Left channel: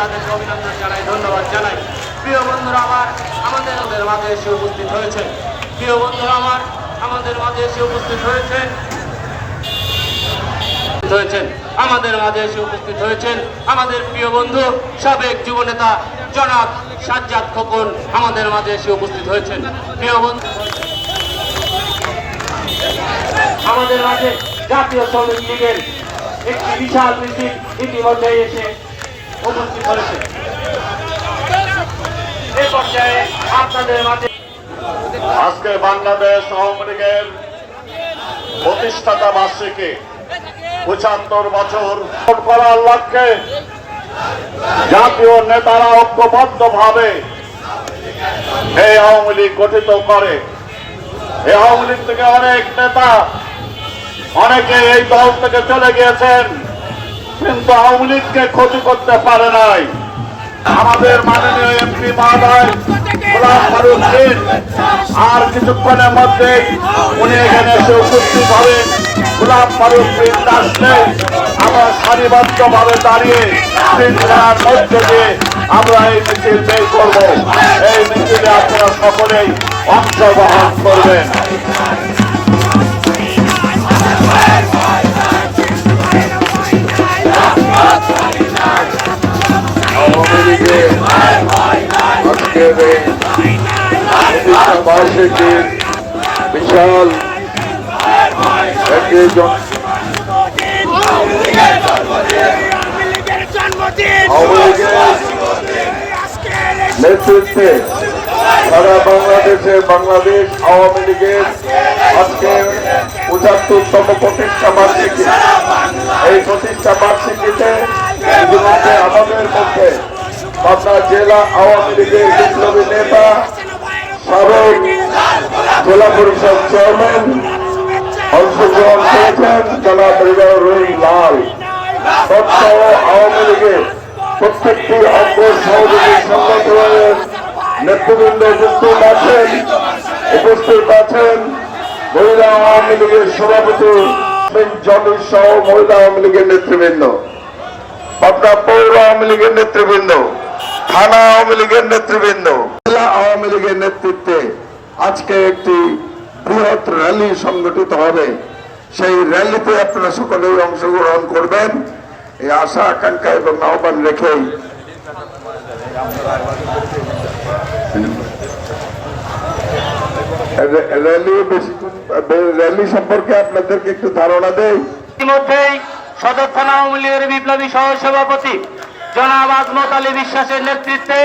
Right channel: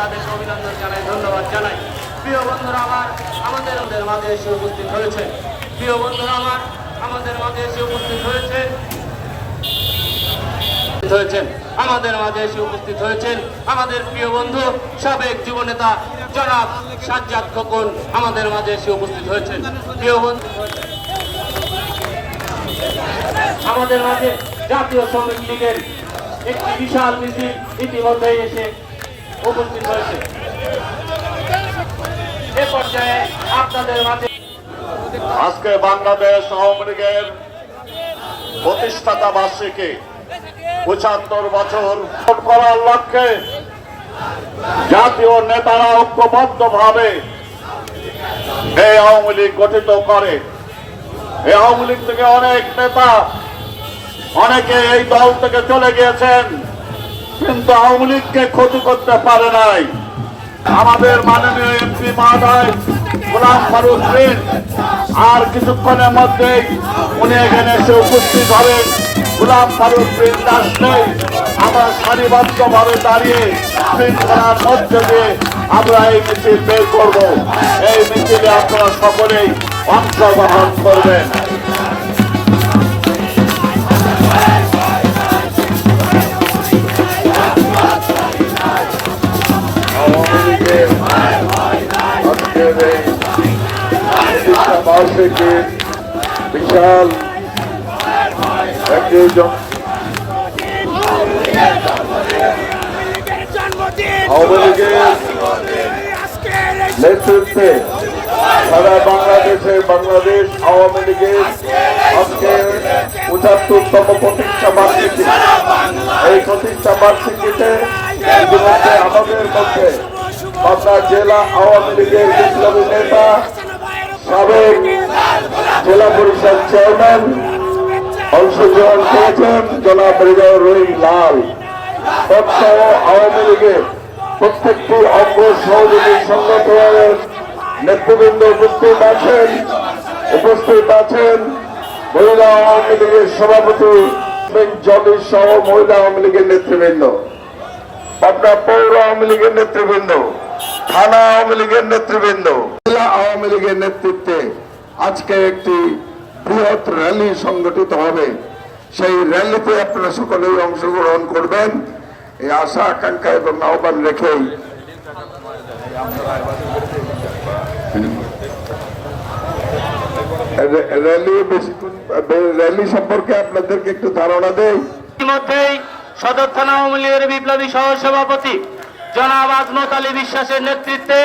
তাদেরকে অভিনন্দন জানাই, ধন্যবাদ জানাই। প্রিয় বন্ধুরা আমার, আমাদের মাঝে এসে উপস্থিত হয়েছে, প্রিয় বন্ধুরা আমার, আমাদের মাঝে এসে উপস্থিত হয়েছেন আমাদের মাঝে এসে উপস্থিত হয়েছেন আমাদের প্রিয় বন্ধু সাবেক যুবনেতা জনাব সাজ্জাদ খোকন আমাদের মাঝে এসে উপস্থিত হয়েছেন। প্রিয় বন্ধু, আমাদের মাঝে জাতীয় শ্রমিক লীগের একটি বিশাল মিছিল ইতিমধ্যে এসে উপস্থিত হয়েছে। এ পর্যায়ে আপনাদের মাঝে আজকে বাংলাদেশ আওয়ামী লীগের প্রতিষ্ঠাতা বার্ষিকী ৭৫ বছর করার লক্ষ্যে জাতীয় নেতারা ঐক্যবদ্ধভাবে এই আওয়ামী লীগ গঠিত করে। এই আওয়ামী লীগ থেকে অনেক নেতা অনেকে এই দল থেকে চলে গিয়েছেন, কিন্তু আওয়ামী লীগকে ক্ষতি করতে পারে নাই। আমাদের মাননীয় এমপি মহোদয় গোলাম ফারুক প্রিন্স আর কিছুক্ষণের মধ্যে উনি এখানে এসে উপস্থিত হবেন। গোলাম ফারুক প্রিন্স আসলে আমরা সারিবদ্ধভাবে দাঁড়িয়ে শৃঙ্খলার মধ্য দিয়ে আমরা এই মিছিল বের করব। এই মিছিলে আপনারা সকলেই অংশগ্রহণ করবেন। বিশাল নেতৃত্বে সারা বাংলাদেশে বাংলাদেশ আওয়ামী লীগের আজকে ৭৫তম প্রতিষ্ঠা বার্ষিকী। এই প্রতিষ্ঠা বার্ষিকীতে ইতিমধ্যে আমাদের মধ্যে পাবনা জেলা আওয়ামী লীগের বিপ্লবী নেতা সাবেক জেলা পরিষদ চেয়ারম্যান অংশগ্রহণ করেছেন জনাব রেজাউর রহিম লাল। তথ্য আওয়ামী লীগের প্রত্যেকটি অঙ্গ সহযোগী সংগঠনের নেতৃবৃন্দ উপস্থিত আছেন মহিলা আওয়ামী লীগের সভাপতি জলিল সহ মহিলা আওয়ামী লীগের নেতৃবৃন্দ, পাবনা পৌর আওয়ামী লীগের নেতৃবৃন্দ, থানা আওয়ামী লীগের নেতৃবৃন্দ, জেলা আওয়ামী লীগের নেতৃত্বে আজকে একটি বৃহৎ র্যালি সংগঠিত হবে। সেই র্যালিতে আপনারা সকলেই অংশগ্রহণ করবেন এই আশা আকাঙ্ক্ষা এবং আহ্বান রেখেই র্যালি সম্পর্কে আপনাদেরকে একটু ধারণা দেই। ইতিমধ্যেই সদর থানা আওয়ামী লীগের বিপ্লবী সহ সভাপতি জনাব আজমত আলী বিশ্বাসের নেতৃত্বে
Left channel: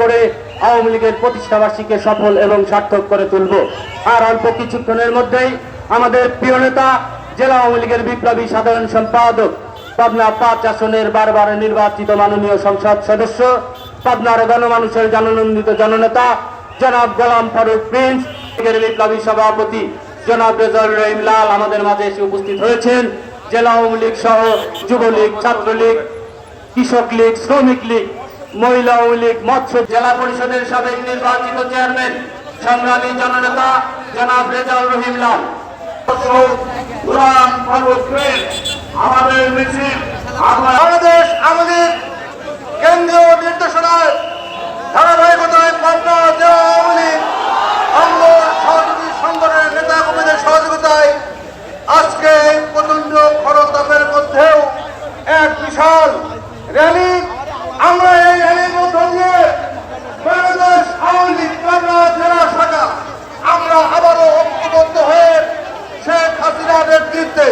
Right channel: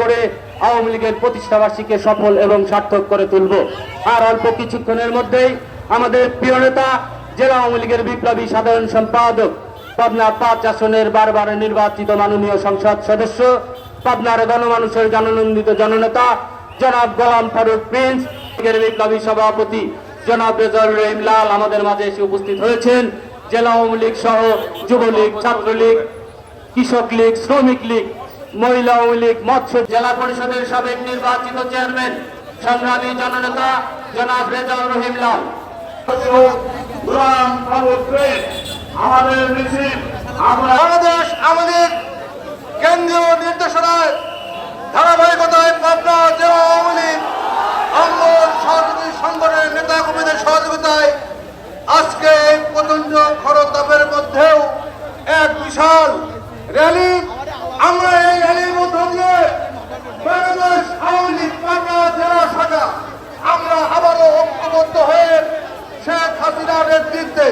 করে আওয়ামী লীগের প্রতিষ্ঠা বার্ষিকী সফল এবং সার্থক করে তুলব। আর অল্প কিছুক্ষণের মধ্যেই আমাদের প্রিয় নেতা জেলা আওয়ামী লীগের বিপ্লবী সাধারণ সম্পাদক, পাবনা ৫ আসনের বারবার নির্বাচিত মাননীয় সংসদ সদস্য, পাবনার গণমানুষের জননন্দিত জননেতা জনাব গোলাম ফারুক প্রিন্স, বিপ্লবী সভাপতি জনাব রেজাউর রহিম লাল আমাদের মাঝে এসে উপস্থিত হয়েছেন। জেলা আওয়ামী লীগ সহ যুবলীগ, ছাত্রলীগ, কৃষক লীগ, শ্রমিক লীগ, মহিলা আওয়ামী লীগ, মৎস্য জেলা পরিষদের সাবেক নির্বাচিত চেয়ারম্যান সংগ্রামী জননেতা জনাব রেজাউর রহিম লাল। আমাদের মিছিল বাংলাদেশ আওয়ামী লীগ কেন্দ্রীয় নির্দেশনায় ধারাবাহিকতায় পাবনা জেলা আওয়ামী লীগ অঙ্গ সহযোগী সংগঠনের নেতা কর্মীদের সহযোগিতায় আজকে এই প্রচন্ড খরতাপের মধ্যেও এক বিশাল র্যালি, আমরা এই র্যালির মধ্য দিয়ে বাংলাদেশ আওয়ামী লীগ পাবনা জেলা শাখা আমরা আবারও ঐক্যবদ্ধ হয়ে শেখ হাসিনার নেতৃত্বে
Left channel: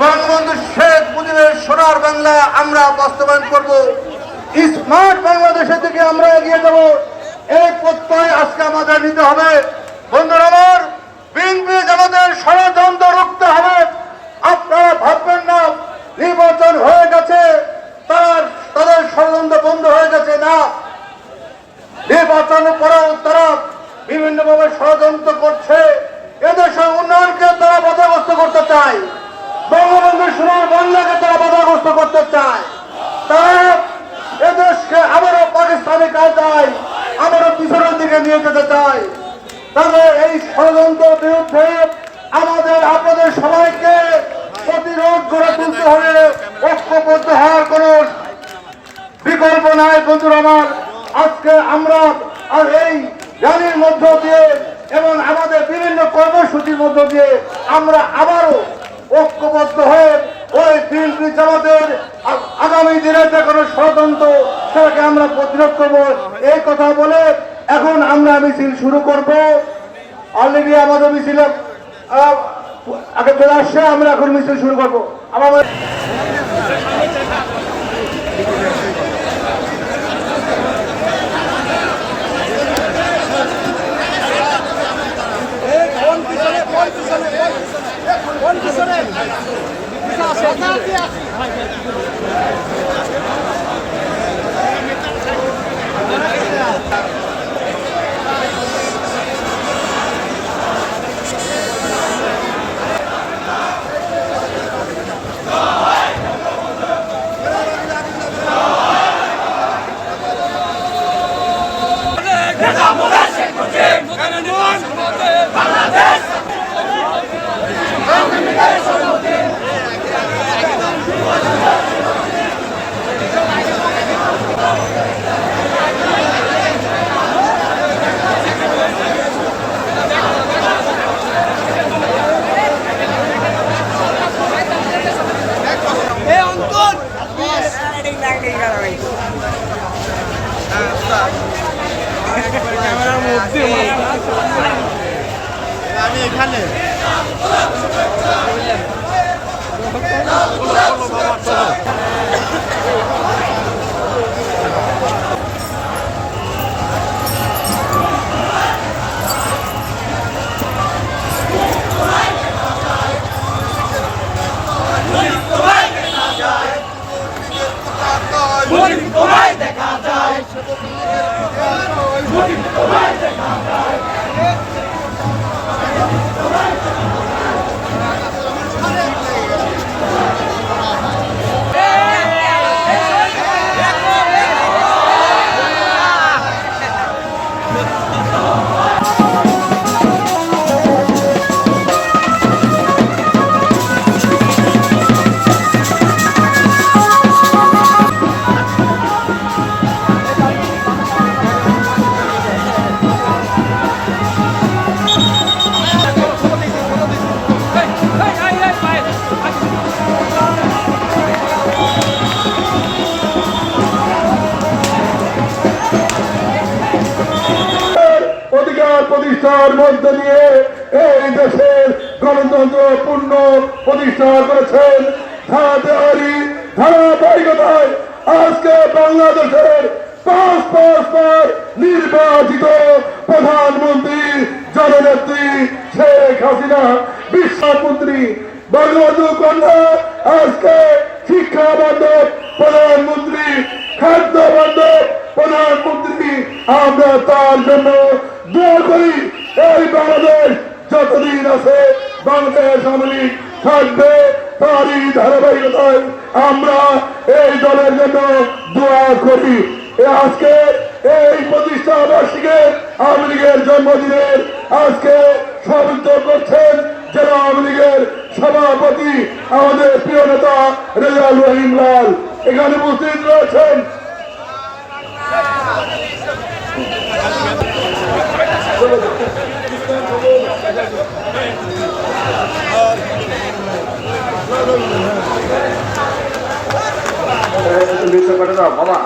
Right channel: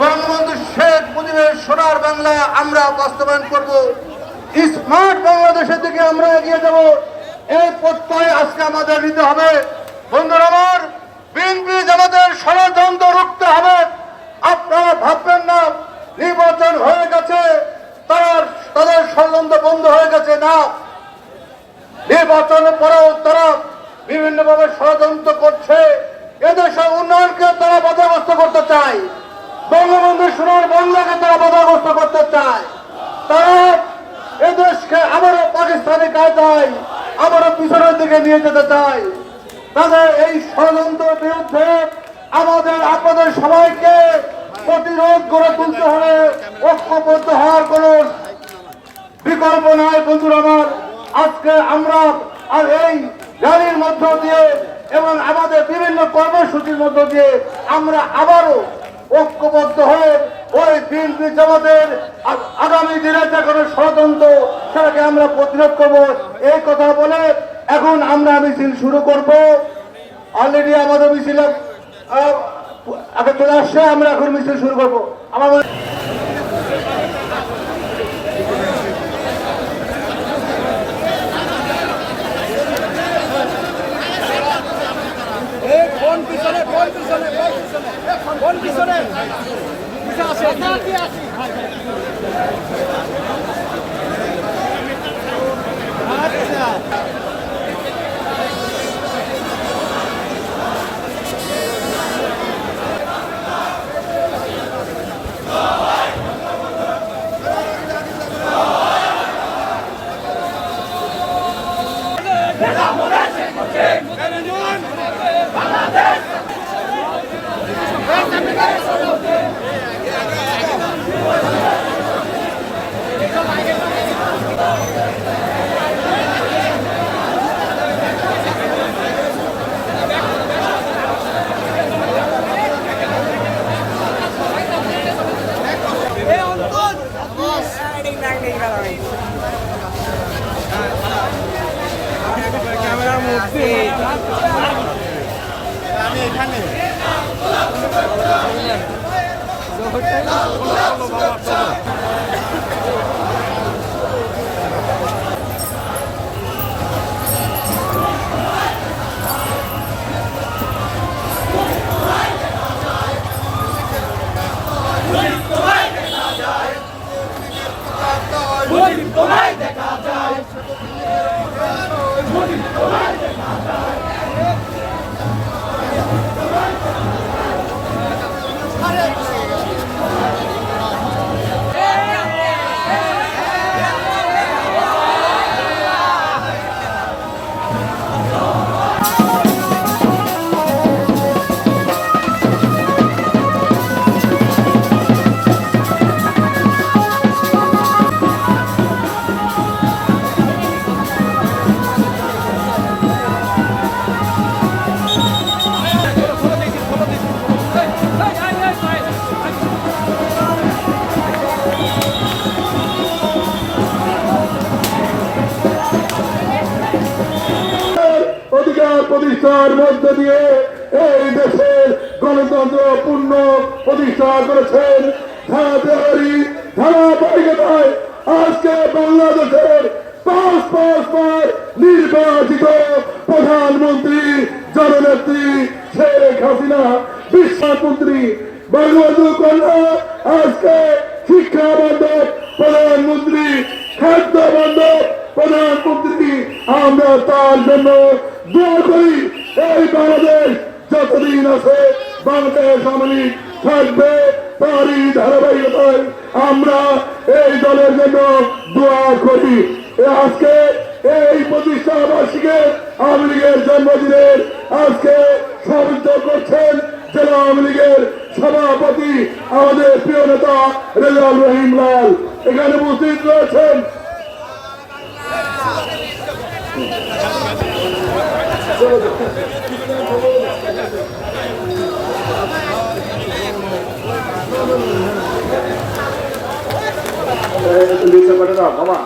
বঙ্গবন্ধু শেখ মুজিবের সোনার বাংলা আমরা বাস্তবায়ন করব। স্মার্ট বাংলাদেশের দিকে আমরা এগিয়ে যাব। এই প্রত্যয় আজকে আমাদের নিতে হবে। বন্ধুরা আমার, বিএনপি আমাদের ষড়যন্ত্র রুখতে হবে। আপনারা ভাববেন না নির্বাচন হয়ে গেছে, তাদের ষড়যন্ত্র বন্ধ হয়ে গেছে না। নির্বাচনের পরেও তারা বিভিন্নভাবে ষড়যন্ত্র করছে। এদেশের উন্নয়নকে তারা বাধাগ্রস্ত করতে চায়, বঙ্গবন্ধু সোনার বাংলাকে তারা বাধাগ্রস্ত করতে চায়। তারা এদেশকে আবারও পাকিস্তানি কায়দায় আবারও পিছনের দিকে নিয়ে যেতে চায়। তাদের এই ষড়যন্ত্রের বিরুদ্ধে আমাদের আপনাদের সবাইকে প্রতিরোধ গড়ে তুলতে হবে। ঐক্যবদ্ধ হওয়ার কোন বিকল্প নাই বন্ধুরা আমার। আজকে আমরা আর এই র্যালির মধ্য দিয়ে এবং আমাদের বিভিন্ন কর্মসূচির মধ্য দিয়ে আমরা আবারও ঐক্যবদ্ধ হয়ে ওই বিএনপি জামাতের আগামী দিনে যে কোনো ষড়যন্ত্র সেটাকে আমরা প্রতিরোধ করব এই কথা বলে এখন আমরা মিছিল শুরু করব। অলরেডি আমাদের মিছিলে আগে চলে আসছে, আমরা এখন মিছিল শুরু করবো। আমাদের ক্যামেরার মধ্যে আমি এখানে তোমায় দেখা যায় প্রতিষ্ঠার মধ্য দিয়ে এই দেশের গণতন্ত্র পূর্ণ প্রতিষ্ঠা করেছেন। ধারাবাহিকতায় আজকে বাংলাদেশের ৫ নির্বাচিত প্রধানমন্ত্রী জননেত্রী শেখ হাসিনা, বিশ্বাসমন্ত্রী বঙ্গবন্ধু কন্যা আজকে শিক্ষা বান্ধব প্রধানমন্ত্রী, খাদ্য বান্ধব প্রধানমন্ত্রী। আমরা তার জন্য দোয়া করি। এই বাংলাদেশ যতদিন আছে বাংলাদেশ আওয়ামী লীগ থাকবে, তারই ধারাবাহিকতায় আমরা এই দলের জন্য দোয়া করি। আজকে এই প্রতিষ্ঠা বার্ষিকে আওয়ামী লীগের জন্মদিনের আজকে সমাবেশ করছেন জেলা আওয়ামী লীগের সভাপতি আমাদের প্রিয় নেতা রেজাউল রহিম লাল এখানে উপস্থিত রয়েছেন। বাবা